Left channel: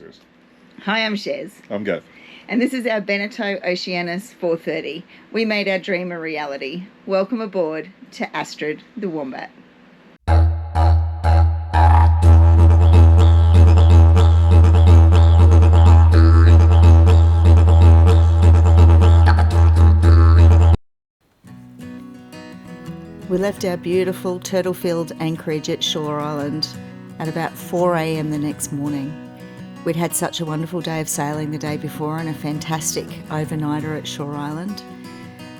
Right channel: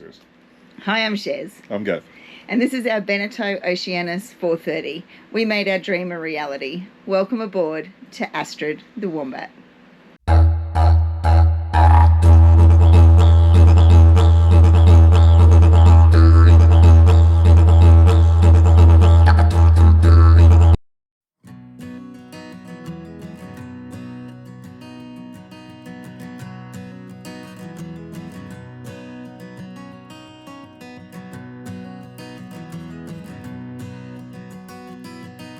Cheers. Hi, I'm Shez. I'm Gav. And this is our Beneteau Oceanis 430. We made our dream a reality. Welcome aboard to Astrid the Wombat. We left our beautiful turtle-filled anchorage at Shore Island at about 4 a.m. the next morning. We'd had such a wonderful day of sailing the day before and a fantastic overnighter at Shore Island.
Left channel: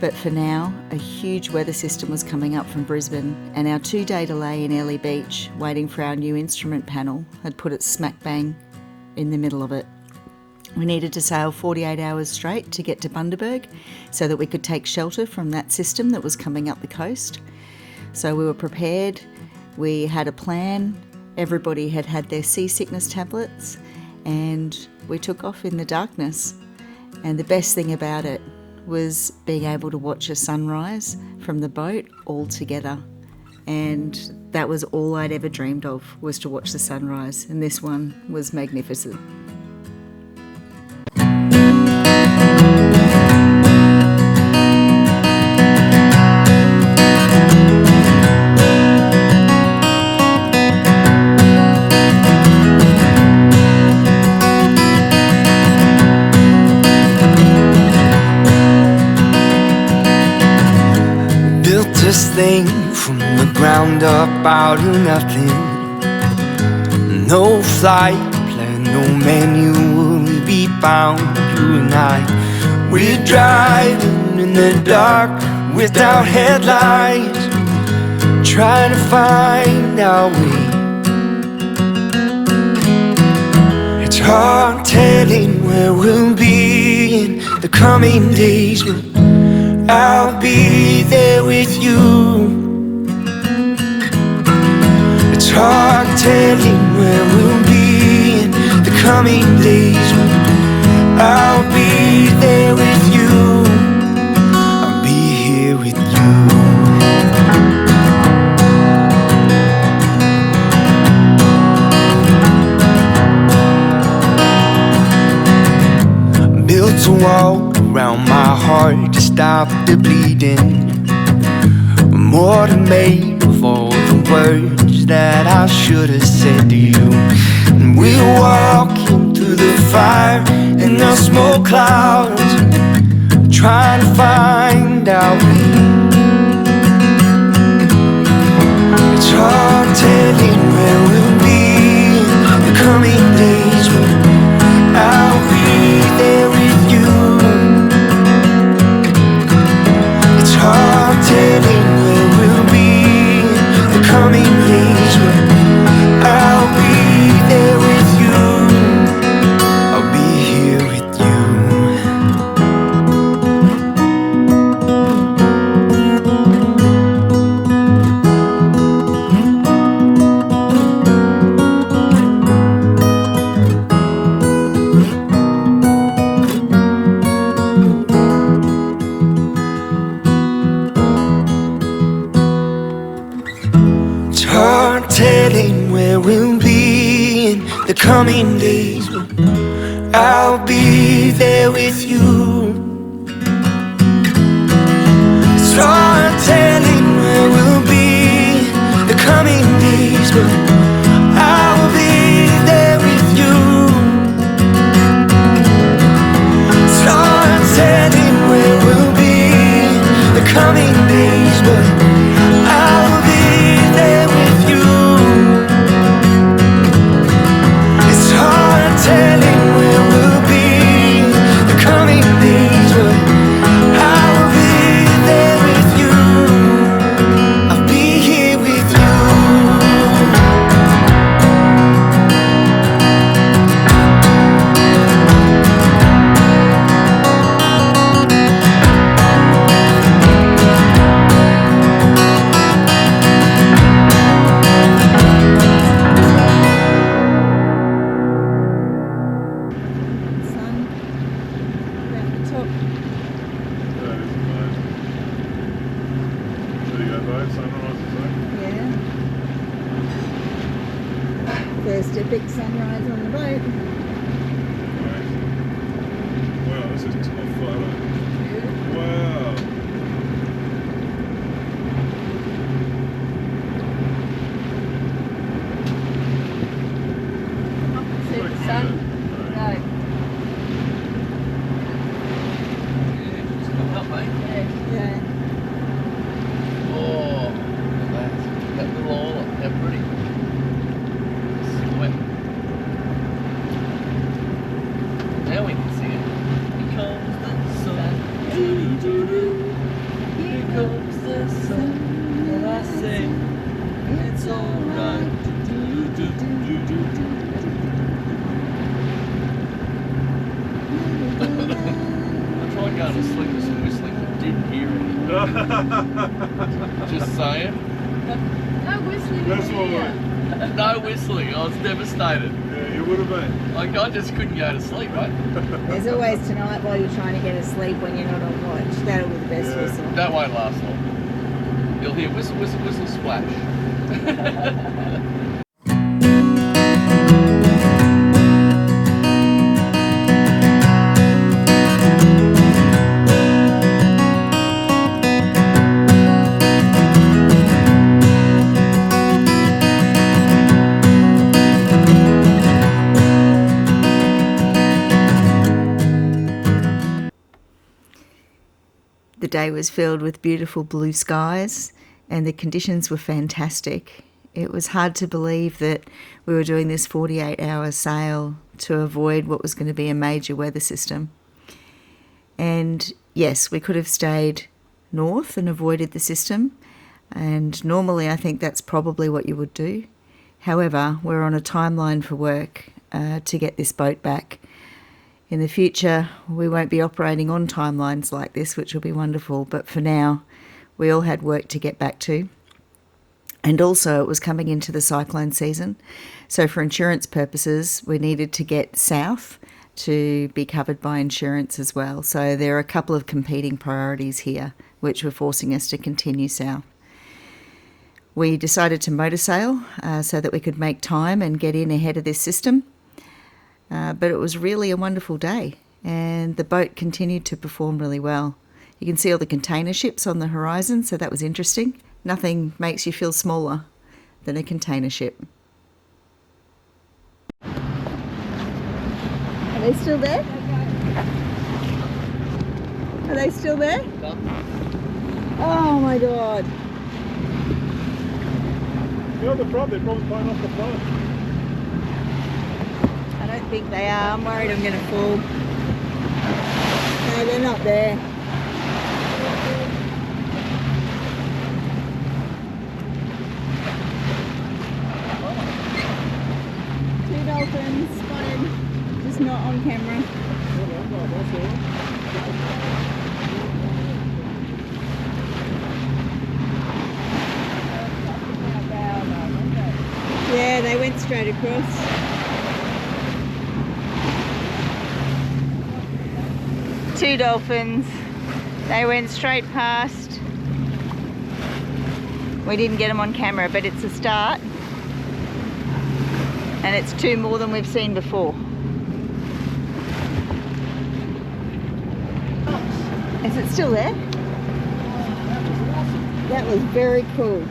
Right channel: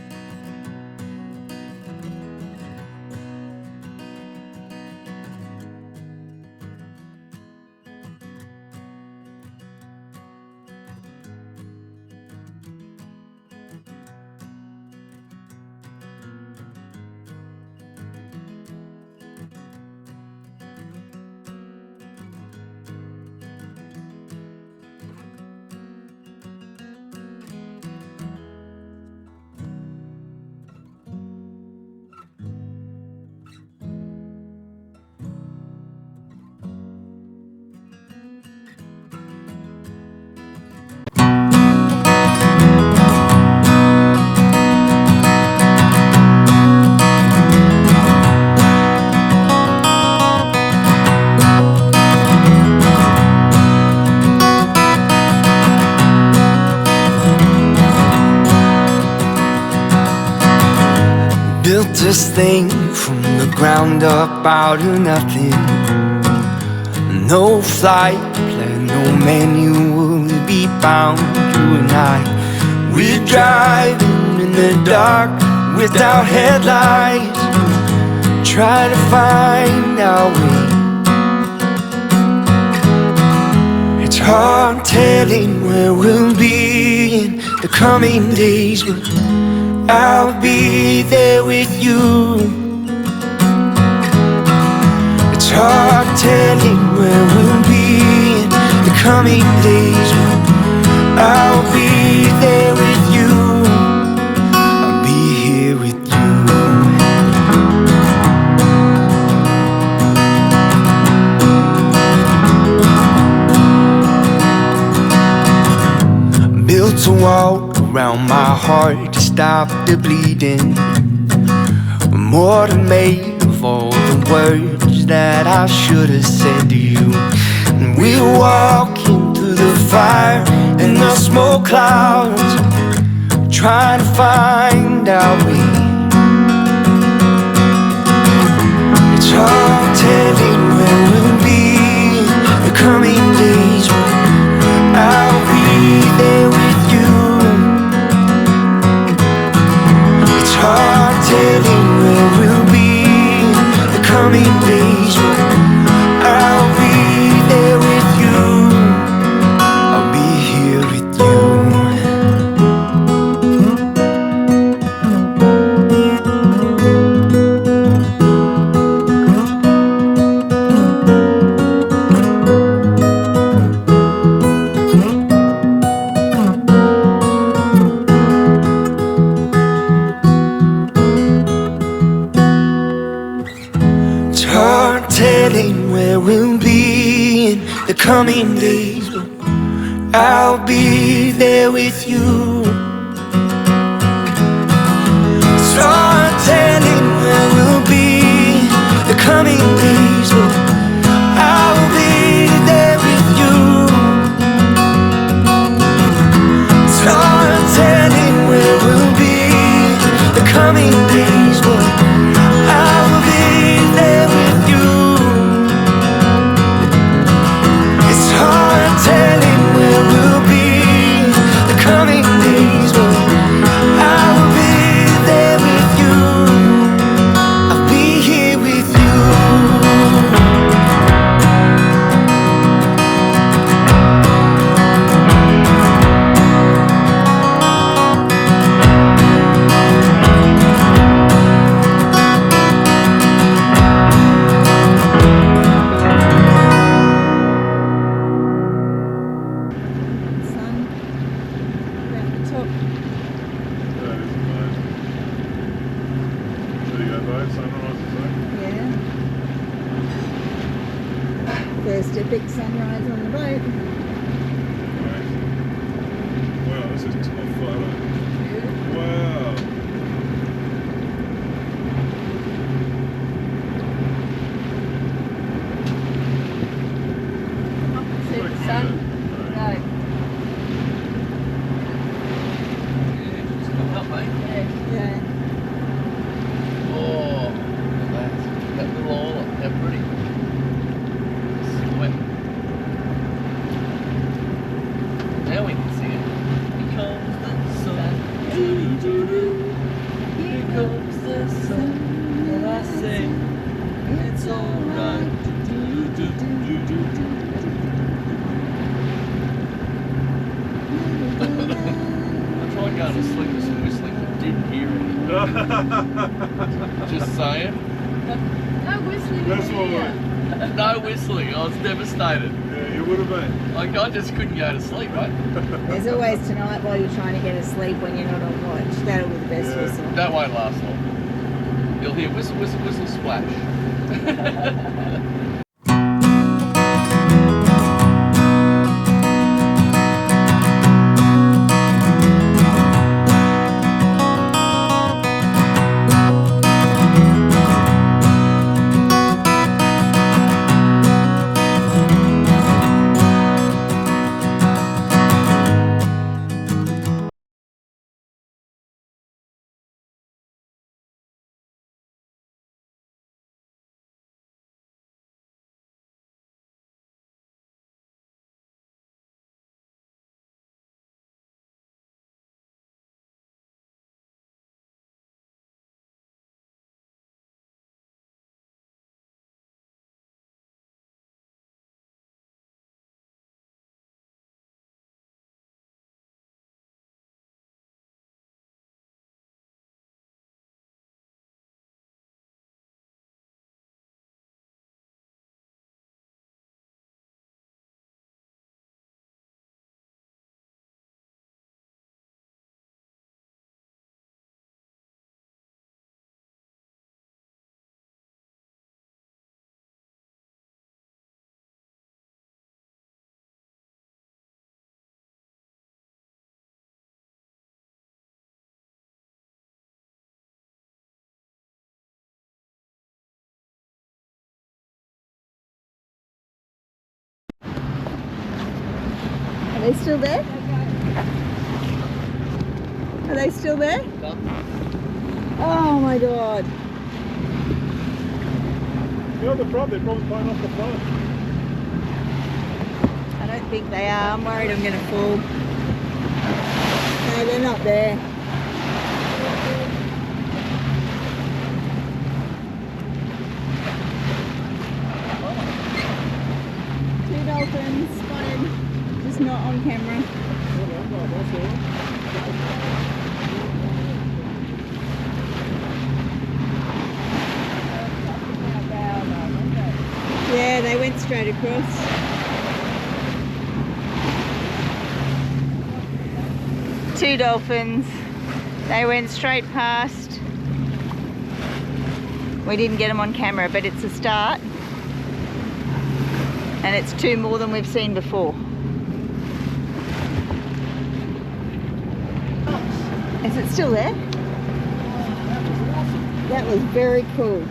But for now, a huge weather system was coming up from Brisbane, and our 2-day delay in Airlie Beach, waiting for our new instrument panel, had put it smack bang in the middle of it. We needed to sail 48 hours straight to get to Bundaberg so that we could take shelter from that system that was coming up the coast. So we were prepared, we had a plan, everybody had had their seasickness tablets, and we took off in the darkness. And the best thing about it was being able to watch a sunrise from the boat all together. And that was all I'd ever dreamed of, was to watch the sunrise, and this one was magnificent. Built this thing from the ground up out of nothing. No flight plan, no manual to be bound. You and I, we're driving in the dark without headlights, trying to find our way. It's hard telling where we'll be in the coming days, but I'll be there with you. It's hard telling where we'll be in the coming days, but I'll be there with you. I'll be here with you. Built a wall around my heart to stop the bleeding. More than made of all the words that I should have said to you. And we're walking through the fire and the smoke clouds, trying to find our way. It's hard telling where we'll be in the coming days, but I'll be there with you. It's hard telling where we'll be in the coming days, but I'll be there with you. I'll be here with you. Telling where we'll be in the coming days, but I'll be there with you. It's hard telling where we'll be in the coming days, but I'll be there with you. It's hard telling where we'll be in the coming days, but I'll be there with you. It's hard telling where we'll be the coming days, but I will be there with you. I'll be here with you. First epic sunrise on the boat. son. Go. Yeah, it's coming up, mate. Yeah. Oh, that little oil, how pretty. Sweat. Now we can see it. Here comes the sun. Doo-doo-doo-doo. Here comes the sun. And I say, it's alright. Doo-doo-doo-doo-doo-doo. I tried going to sleep with some whistling, but didn't hear it. Just saying. No whistling. That's all right. No whistling. I was devastated. Yeah, you would have been. Like I just couldn't go to sleep, right? There's always tonight while you're trying to get asleep when you're not on watch. That'll be the best Yeah. whistle. That won't last long. You'll hear whistle, whistle, whistle, splash. The day was filled with beautiful blue skies and the conditions were fantastic. It was hard to believe that we were doing this 48-hour sail to avoid what was going to be a major weather system. And yes, we could have stayed north and avoided the system, and normally I think that's probably what you would do. However, we're on a timeline for work to get this boat back. In the future, we won't be operating on timelines like this, which will be wonderful. But for now, we all had work to get back to. And also, it was coming into the cyclone season. So for insurance purposes, we needed to get south to be covered by insurance as well. So there are a couple of competing priorities here, which were forcing us to continue south. We decided to motor sail so that we could make time and get in ahead of this system. But it was really a wonderful day, and the boat continued to perform really well. You can see all the container ships on the horizon, so that was interesting. Nothing makes you feel smaller than a container ship. Are they still there? Are they still there? Oh my God. You're the front, they're probably playing off the front. I don't think they are. I'm worried I'm going to fall. No, they're not there. Two dolphins spotted, just not on camera. Yeah, they went straight across. Two dolphins. They went straight past. We didn't get them on camera, but it's a start. And it's two more than we've seen before. Is it still there? That was very cool.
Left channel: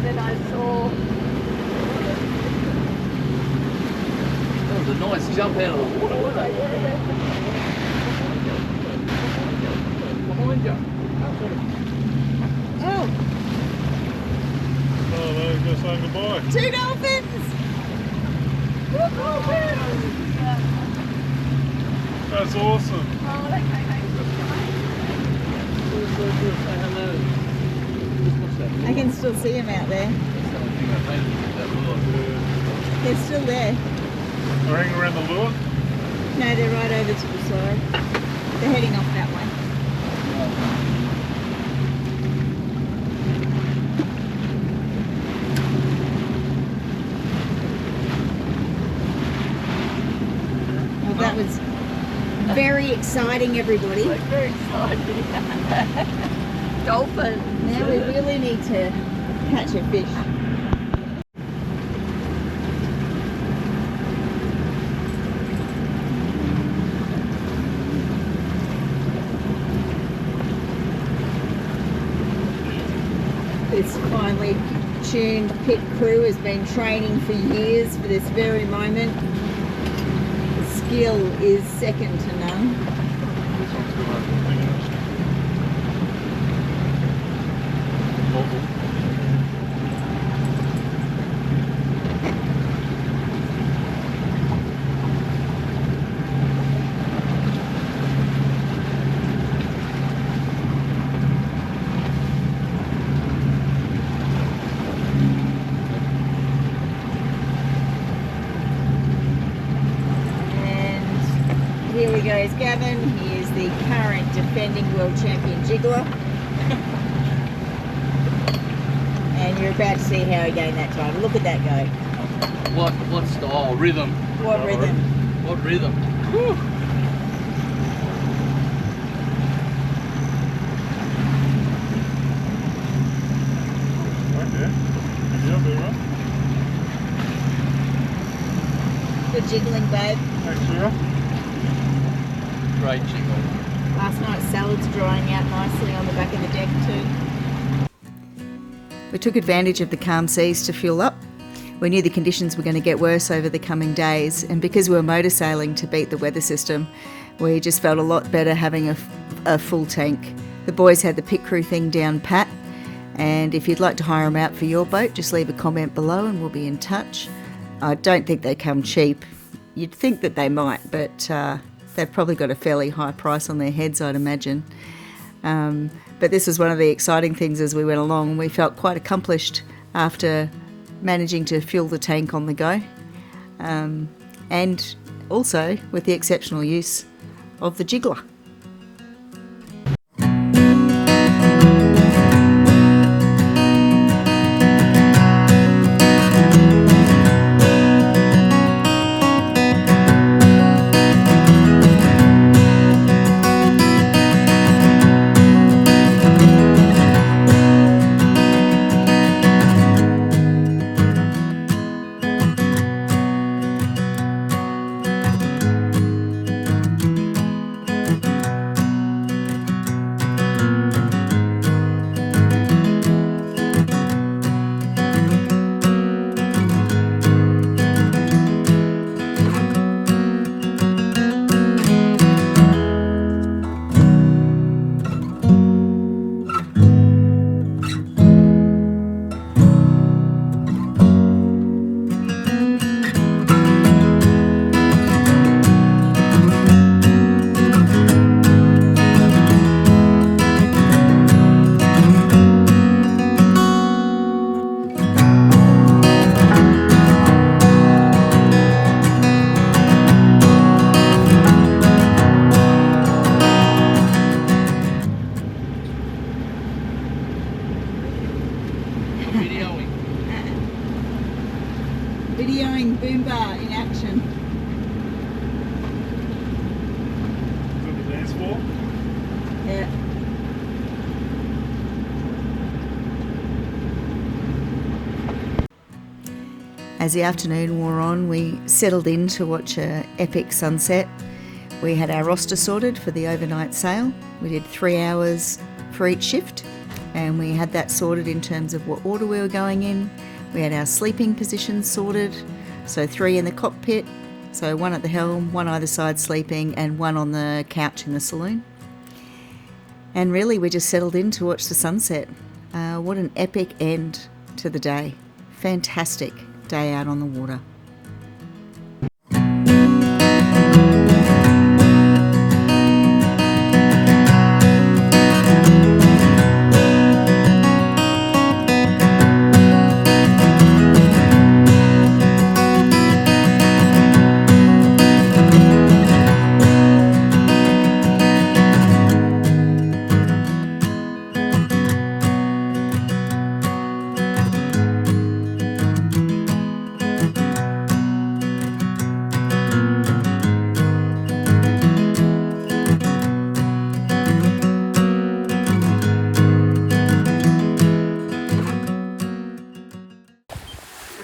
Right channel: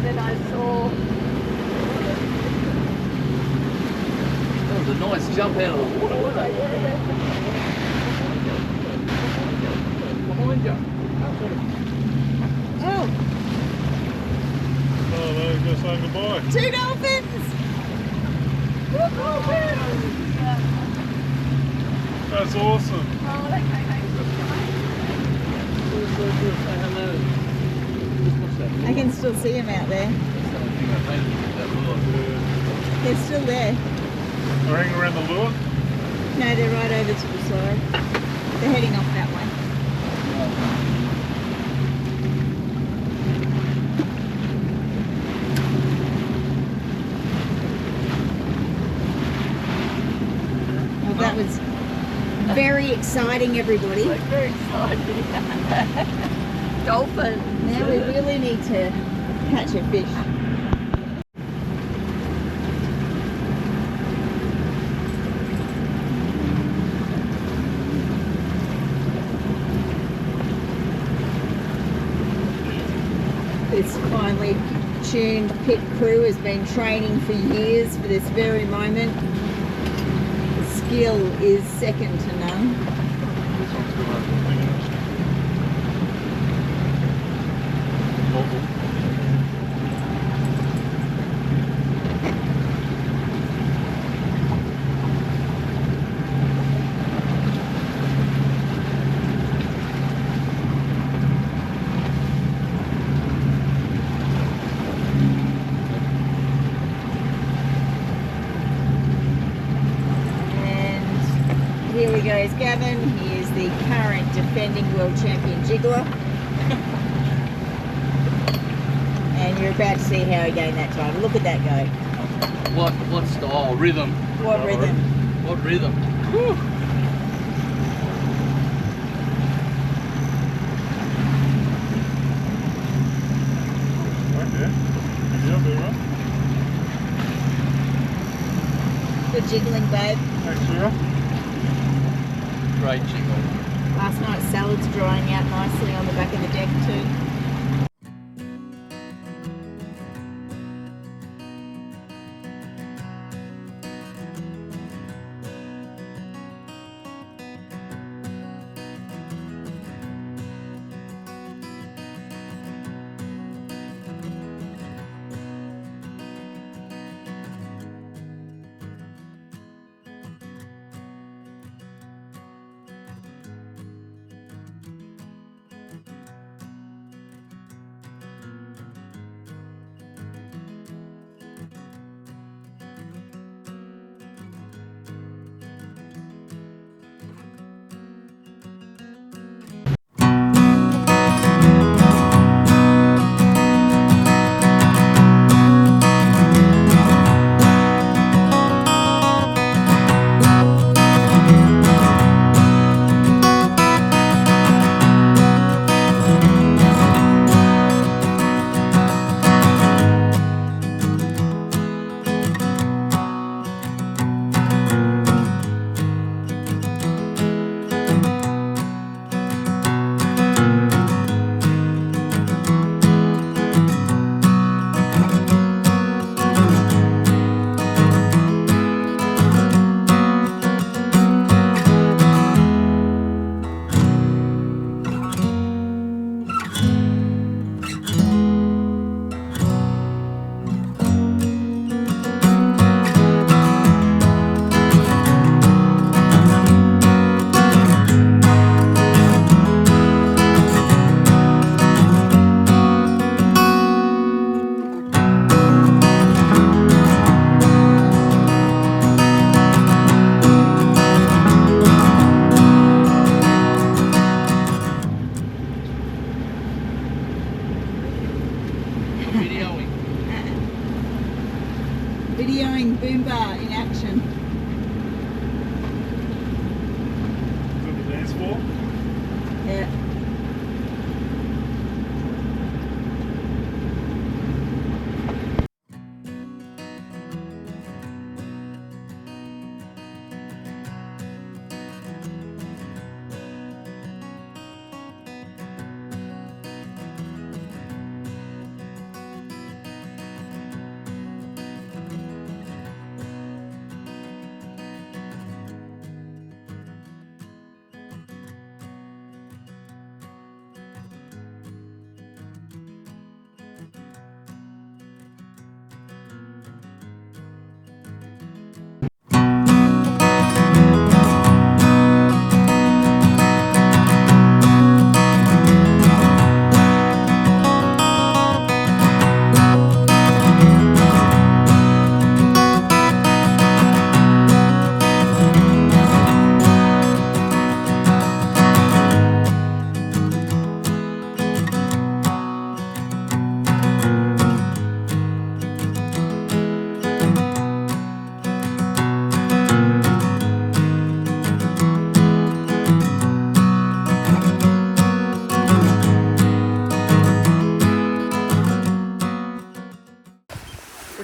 Then I saw... That was a nice jump out of the water, wasn't it? Behind you. Oh, Oh, they're going to say goodbye. two dolphins! That's awesome. I can still see them out there. They're still there. They're hanging around the lure. No, they're right over to the side. They're heading off that way. Well, that was very exciting, everybody. Very exciting. Dolphin. Now we really need to catch a fish. Captain's finely tuned pit crew has been training for years for this very moment. The skill is second to none. This one's good. Here we go, Gavin. He is the current defending world champion jiggler. And you're about to see how he gained that title. Look at that go. What style? Rhythm. What rhythm? What rhythm? Whew. Right there. Yeah, be right. Good jiggling, babe. Thanks, Sarah. Great jiggle. Last night's salad's drying out nicely on the back of the deck too. We took advantage of the calm seas to fuel up. We knew the conditions were going to get worse over the coming days, and because we were motor sailing to beat the weather system, we just felt a lot better having a full tank. The boys had the pit crew thing down pat, and if you'd like to hire them out for your boat, just leave a comment below and we'll be in touch. I don't think they come cheap. You'd think that they might, but they've probably got a fairly high price on their heads, I'd imagine. But this was one of the exciting things as we went along. We felt quite accomplished after managing to fuel the tank on the go, and also with the exceptional use of the jiggler. Videoing Boomba in action. Is that the dance floor? Yeah. As the afternoon wore on, we settled in to watch an epic sunset. We had our roster sorted for the overnight sail. We did 3 hours for each shift, and we had that sorted in terms of what order we were going in. We had our sleeping positions sorted, so 3 in the cockpit, so 1 at the helm, 1 either side sleeping, and 1 on the couch in the saloon. And really we just settled in to watch the sunset. What an epic end to the day. Fantastic day out on the water.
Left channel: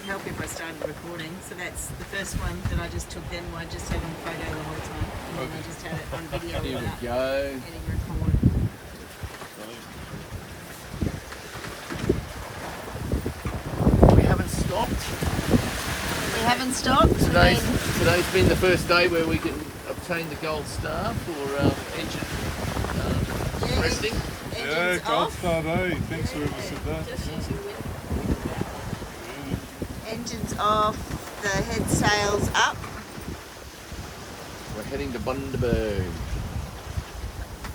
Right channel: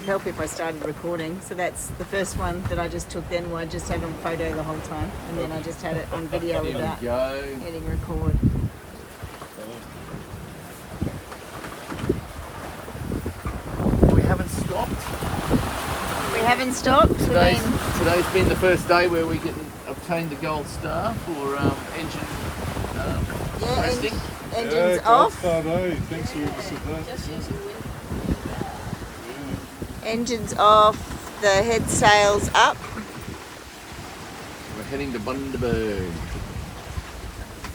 Help if I started recording. So that's the first one that I just took then, where I just had on photo the whole time, and then I just had it on video without hitting record. Today's been the first day where we can obtain the gold star for engine testing. Engines gold off. star, eh? Thanks for whoever said that. Engines off. The head sails up. We're heading to Bundaberg.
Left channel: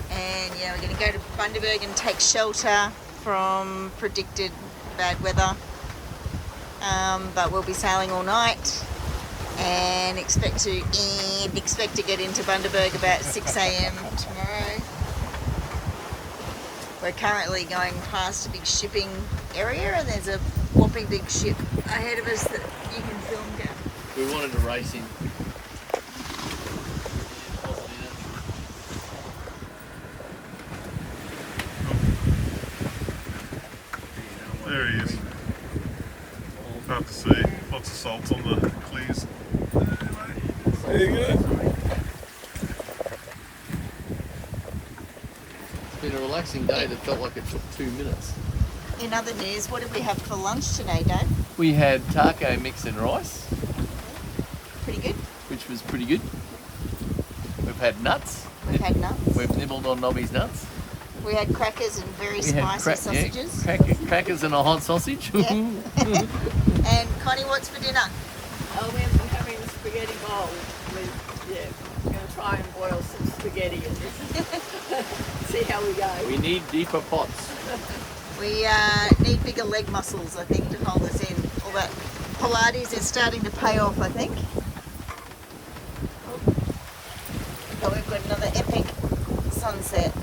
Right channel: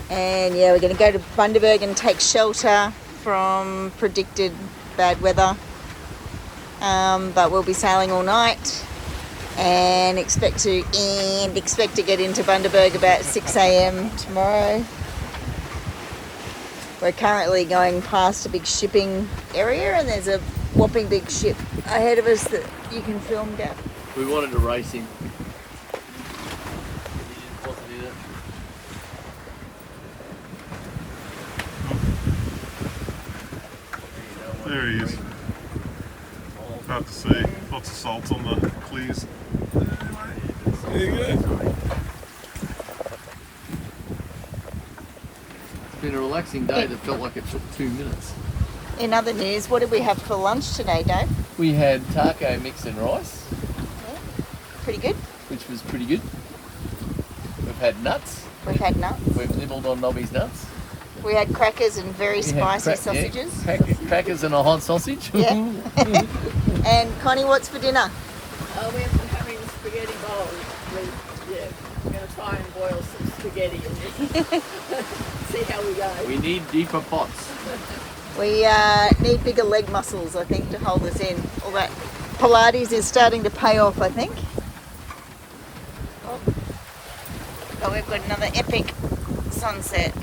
And yeah, we're going to go to Bundaberg and take shelter from predicted bad weather. But we'll be sailing all night and expect to get into Bundaberg about 6 a.m. tomorrow. We're currently going past a big shipping area and there's a whopping big ship ahead of us that you can film, Gav. We wanted to race him. There he is. About to see. Lots of salt on the clears. There you go. It's been a relaxing day that felt like it took 2 minutes. In other news, what did we have for lunch today, Dave? We had taco mix and rice, Pretty good. which was pretty good. We've had nuts. We've had nuts. We've nibbled on Nobby's nuts. We had crackers and very We had spicy sausages. crackers and a hot sausage. Yeah. And Connie, what's for dinner? Oh, we're having spaghetti bowls. We're going to try and boil some spaghetti and just see how we go. We need deeper pots. We need bigger leg muscles, I think, to hold us in. All that Pilates is starting to pay off, I think. Oh, we've got another epic sunset.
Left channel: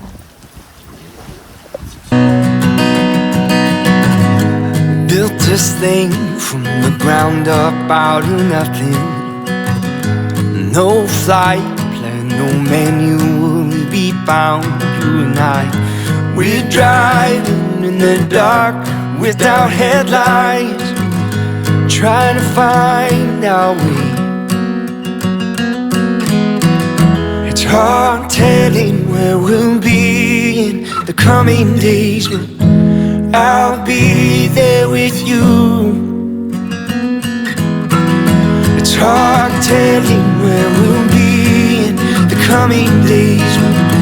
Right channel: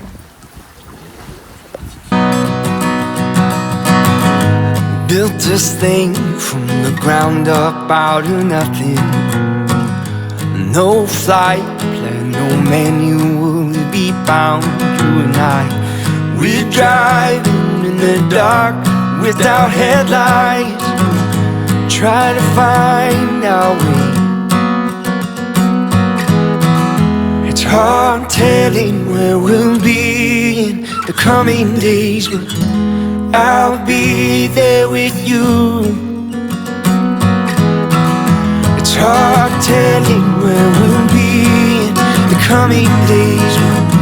Built this thing from the ground up out of nothing. No flight plan, no menu, we'll be bound, you and I. We're driving in the dark without headlights, trying to find our way. It's hard telling where we'll be in the coming days, but I'll be there with you. It's hard telling where we'll be in the coming days, but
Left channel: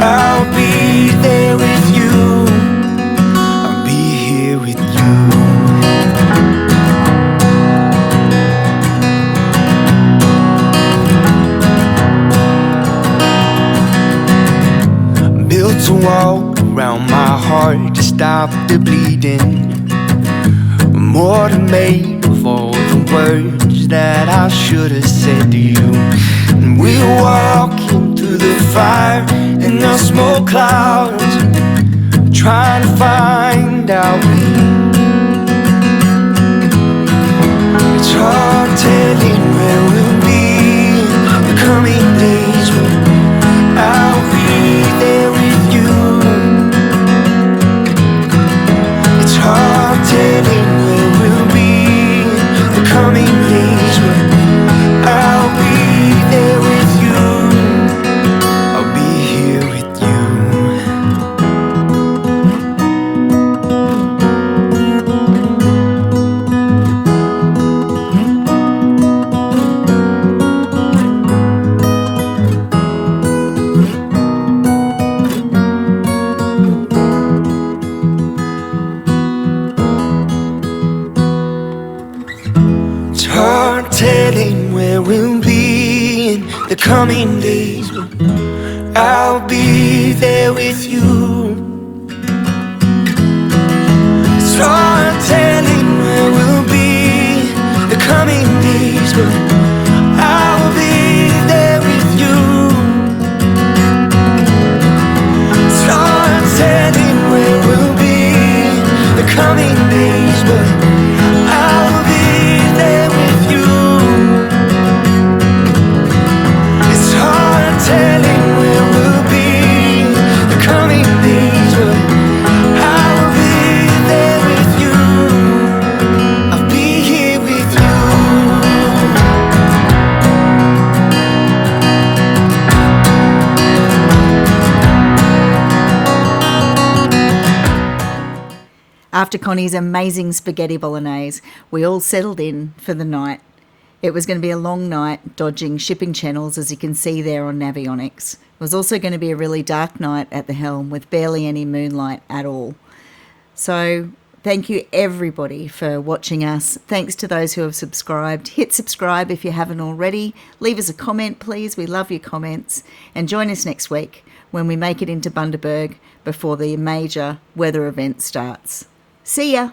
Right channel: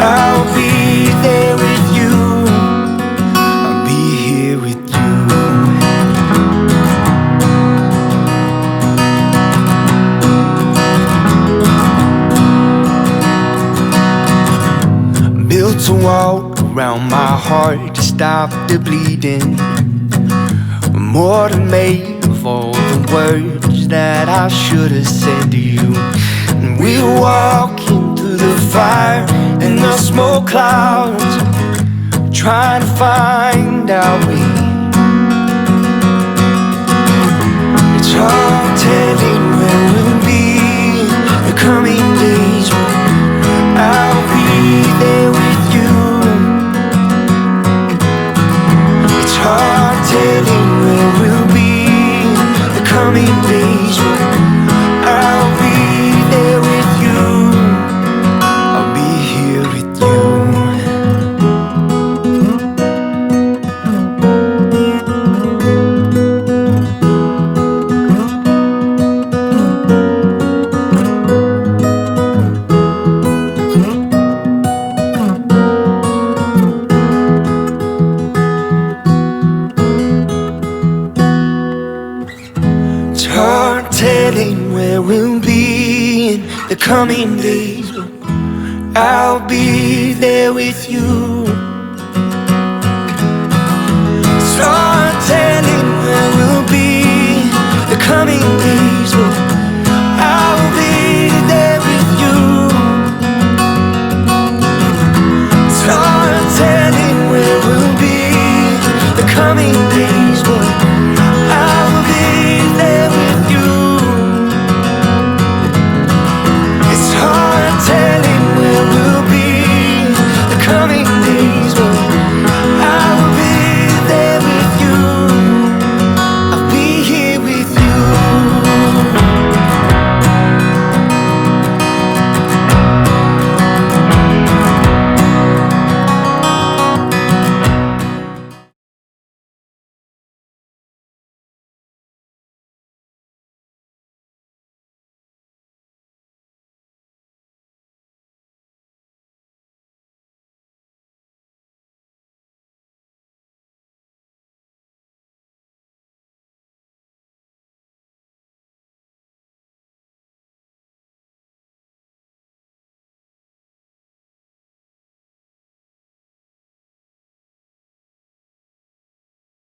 I'll be there with you. I'll be here with you. Built a wall around my heart to stop the bleeding. More than made of all the words that I should have said to you. And we're walking through the fire and the smoke clouds, trying to find our way. It's hard telling where we'll be in the coming days, but I'll be there with you. It's hard telling where we'll be in the coming days, but I'll be there with you. I'll be here with you. It's hard telling where we'll be in the coming days, but I'll be there with you. It's hard telling where we'll be in the coming days, but I'll be there with you. It's hard telling where we'll be in the coming days, but I'll be there with you. It's hard telling where we'll be the coming days, but I will be there with you. I'll be here with you. After Connie's amazing spaghetti bolognese, we all settled in for the night. It was going to be a long night dodging shipping channels, as you can see there on Navionics. It was also going to be a really dark night at the helm with barely any moonlight at all. So thank you everybody for watching us. Thanks to those who have subscribed. Hit subscribe if you haven't already. Leave us a comment, please. We love your comments. And join us next week when we make it into Bundaberg before the major weather event starts. See ya!